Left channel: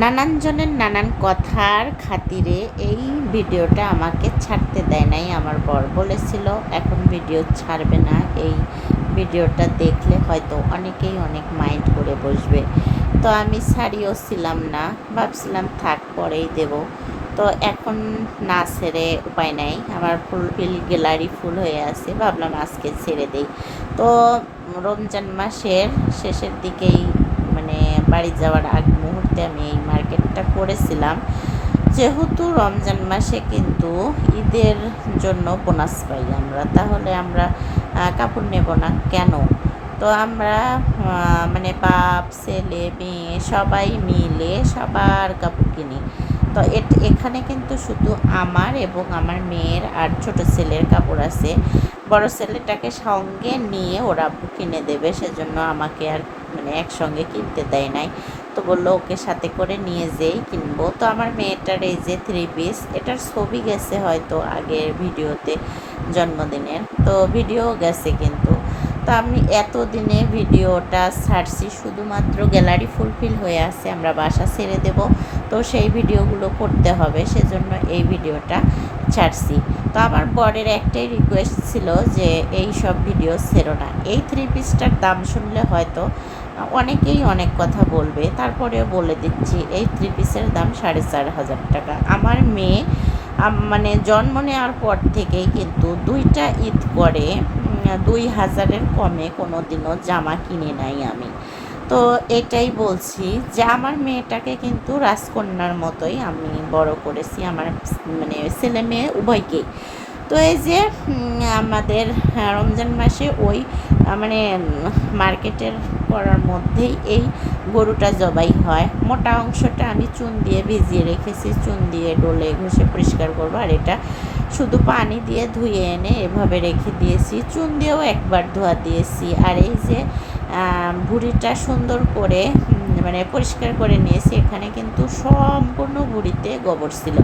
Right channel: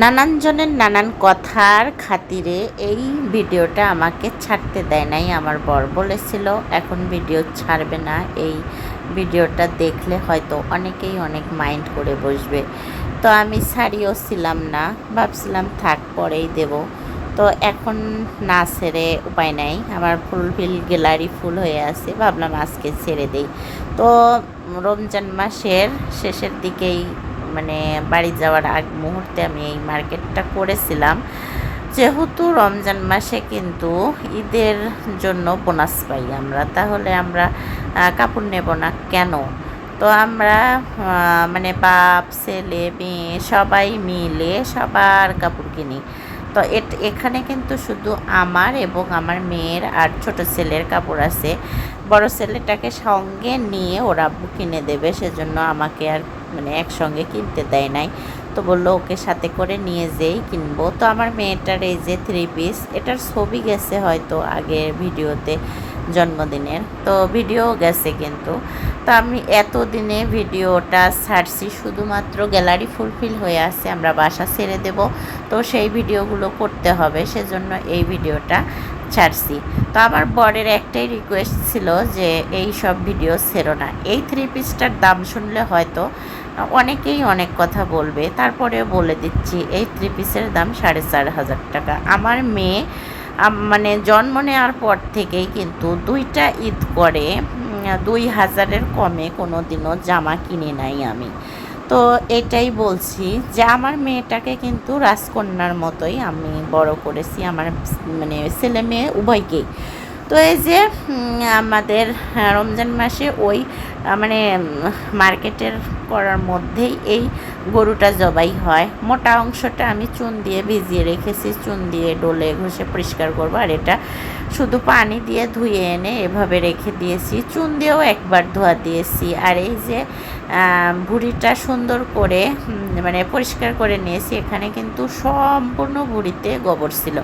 নানান জনের নানান কথার খাতিরে এই ভিডিওটা আমাকে ছাড়তে দেয় নাই। আমার বর বলেছিল এখন ভিডিও ছাড়বে না, এই ভিডিওটা দেখলে হয়তো অনেকেই অনেক মাইন্ড করে বসবে। তো আমি ছাড়িও ছিলাম না, ভাবছিলাম থাক পরেই দেব। তো এখন না ছেড়ে উপায় নাই, আমার ফুলফিল গ্যালারি ফুল হয়ে আছে, ভাবলাম আজকে ছেড়ে দেই। তো রমজান মাসের শেষের দিকেই মানে বাড়ি যাওয়ার আগ মুহূর্তে আমি এই মার্কেটটা করেছিলাম। যেহেতু রমজান মাসে কিন্তু ঈদের জন্য বোনাস পাই আমরা, তাহলে আমরা কাপড় নেব না কেন? তো আমরা মানে বাপ ছেলে মেয়ে সবাই মিলে সবার কাপড় কিনি। তো এখানে কিন্তু শুধু আমার এবং আমার মেয়ের আর ছোট ছেলের কাপড় আছে। বড় ছেলেটাকে সঙ্গে নিয়ে ওরা আব্বু কিনে দেবে, সেজন্য আমাকে আর মানে একসঙ্গে কিনতে দেয় নাই। তো বললো ওকে সাথে করে নিয়ে যেই কিনবো। তো আমার মেয়েটার এই যে 3 পিস, এটার ছবি গেছে হয়তো আগের ভিডিওতে জন্মদিনের, তো ভিডিও গেছে কিন্তু। তো আমি এতদিনে ভিডিওটা ছাড়ছি শুধুমাত্র গ্যালারি ফুলফিল হয়ে আছে, আমরা বাসা ছেড়ে দেব। তো সেই ভিডিওগুলো করতে হবে, সেজন্য এই ভিডিওটা ছাড়ছি। তো আমার বরের একটাই রিকোয়েস্ট ছিল যে এই সব ভিডিও ছেড়ো না। এই 3 পিসটার দাম শুনলে হয়তো অনেকেই অনেক কথা বলবে, তারপরেও বলে দিচ্ছি এই 3 পিসের দাম 4,500 টাকা। আমার মেয়ে মানে জন্ম নেওয়ার পর থেকেই কিন্তু 2টা ঈদ করে 2,000-এর কমে কোনো দিনও জামা কিনে নাই আমি। তো এটাই বলছি যে আমার মেয়েটাকে কিন্তু রাজকন্যার মতোই আমি বড় করেছি, আমার মানে ছেলে মেয়ে উভয়কেই। তো এই যে আমাদের রমজান মাসে ওই মানে মার্কেটের করার মধ্যেই এই গরুটা জবাই হয়। মোটা অংশটা আমি চুন দিয়ে ভিজিয়ে রেখেছি, চুন দিয়ে ডলে ঘষে পরিষ্কার করবো, আর এটা শুধু পানি দিয়ে ধুয়ে এনে এভাবে রেখে দিয়েছি, চুন দিয়েও একবার ধোয়া দিয়েছি। আর এই যে ভুঁড়িটা সুন্দর করে মানে পরিষ্কার করে নিয়েছি। এখানে কিন্তু সম্পূর্ণ ভুঁড়িতে গোবর ছিল,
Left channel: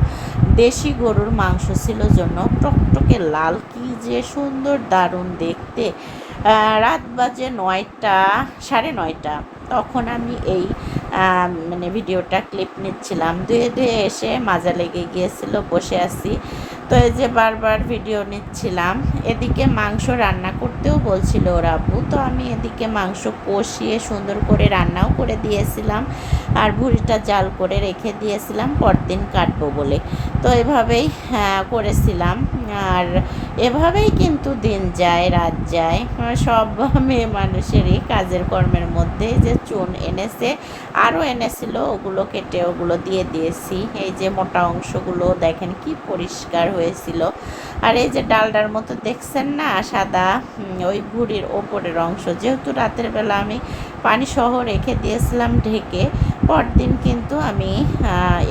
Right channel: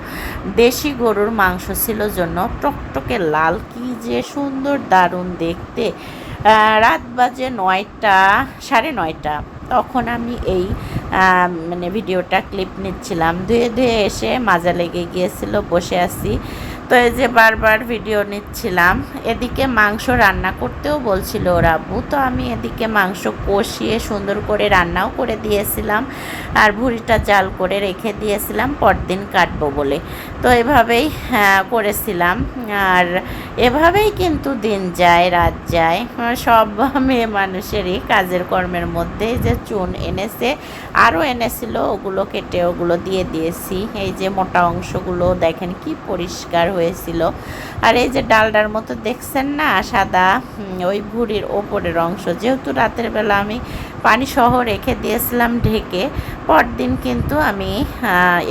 দেশি গরুর মাংস ছিল জন্য টকটকে লাল, কি যে সুন্দর দারুণ দেখতে। রাত বাজে 9টা, 9:30, তখন আমি এই মানে ভিডিওটা ক্লিপ নিচ্ছিলাম। ধুয়ে ধুয়ে এসে মাজা লেগে গিয়েছিল, বসে আছি। তো এই যে বারবার ভিডিও নিচ্ছিলাম, এদিকে মাংস রান্না করতেও বলছিল ওর আব্বু। তো আমি এদিকে মাংস কষিয়ে সুন্দর করে রান্নাও করে দিয়েছিলাম, আর ভুঁড়িটা জাল করে রেখে দিয়েছিলাম পরদিন কাটবো বলে। তো এভাবেই করেছিলাম। আর এভাবেই কিন্তু দিন যায় রাত যায়, সব মেয়ে মানুষেরই কাজের কর্মের মধ্যে। যে চুন এনেছে আরও এনেছিল, ওগুলো কেটে ওগুলো দিয়ে দিয়েছি। এই যে মোটা অংশগুলো দেখেন কি পরিষ্কার হয়েছিল। আর এই যে ডালডার মতো দেখছেন না সাদা, ওই ভুঁড়ির ওপরের অংশ, যেহেতু রাতের বেলা আমি পানি সহ রেখে দিয়েছিলাম ঢেকে, পরদিন কিন্তু আমি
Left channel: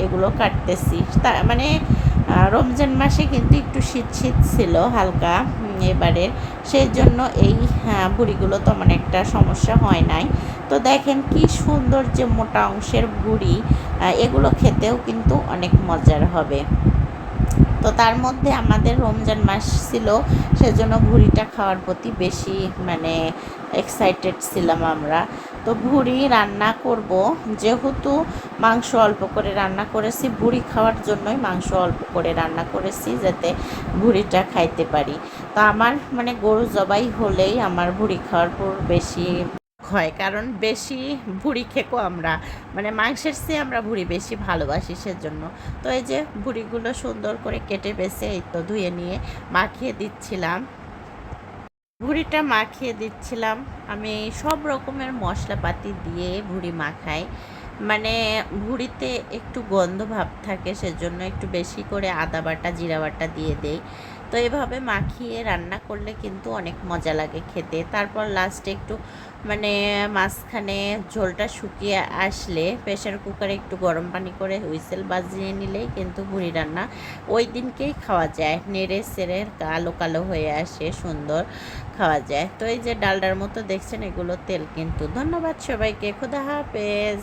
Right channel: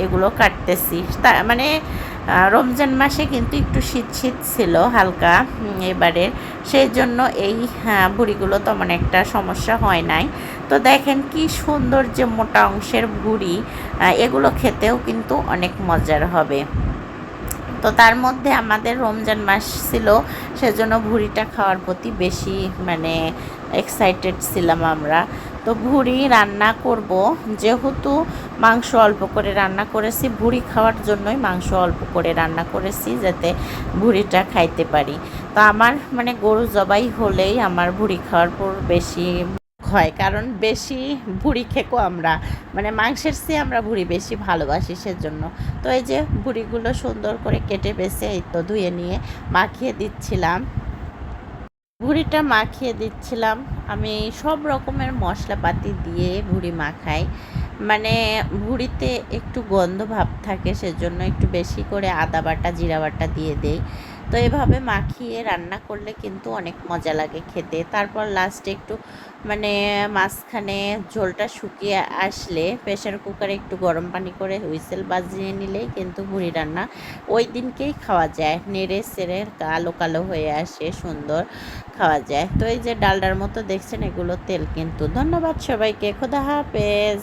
এগুলো কাটতেছি। মানে রমজান মাসে কিন্তু একটু শীত শীত ছিল হালকা এবারের, সেই জন্য এই ভুঁড়িগুলো তেমন একটা সমস্যা হয় নাই। তো দেখেন কি সুন্দর যে মোটা অংশের ভুঁড়ি, এগুলো খেতেও কিন্তু অনেক মজার হবে। তো তার মধ্যে আমাদের রমজান মাস ছিল, সেজন্য ভুঁড়িটা খাওয়ার প্রতি বেশি মানে এক্সাইটেড ছিলাম আমরা। তো ভুঁড়ি রান্না করব, যেহেতু মাংস অল্প করে রান্না করেছি, ভুঁড়ি খাওয়ার জন্যই মাংস অল্প করে রান্না করেছি যাতে ভুঁড়িটা খাইতে পারি। তো আমার মানে গরু জবাই হলেই আমার ভুঁড়ি খাওয়ার পর বেশি হয়, কারণ বেশি ভুঁড়ি খেকো আমরা, মানে মাংসের চেয়ে আমরা ভুঁড়ি বেশি ভালোবাসি সেজন্য। তো এই যে ভুঁড়িগুলো সুন্দর করে কেটে বেছে এই তো ধুয়ে নিয়ে মাখিয়ে দিচ্ছিলাম, ভুঁড়িটা মাখিয়ে দিচ্ছিলাম। আমি সব রকমের মশলাপাতি দিয়ে ভুঁড়ি মাখাই, মানে ভুঁড়িতে একটু গন্ধ ভাব থাকে, সেজন্য একটু বেশি করে আদা বাটা জিরা বাটা দিয়ে দেই। তো এভাবে মাখিয়ে রান্না করলে কিন্তু অনেক মজা লাগে খেতে। তারপর লাস্টে একটু মানে মাঝখানে ঝোলটা শুকিয়ে আসলে প্রেশার কুকারে একটু গরম পানি করে হুইসেল বাজিয়ে নিলেই কিন্তু ভুঁড়ি রান্না ওই দিনকেই খাওয়া যায়, নেড়ে সেড়ে কালো কালো হয়ে আসে, সুন্দর খাওয়া যায়। তো এই যে ডালডার মতো দেখছেন, এগুলো তেল কিন্তু। ধন্যবাদ সবাইকে, খোদা হাফেজ।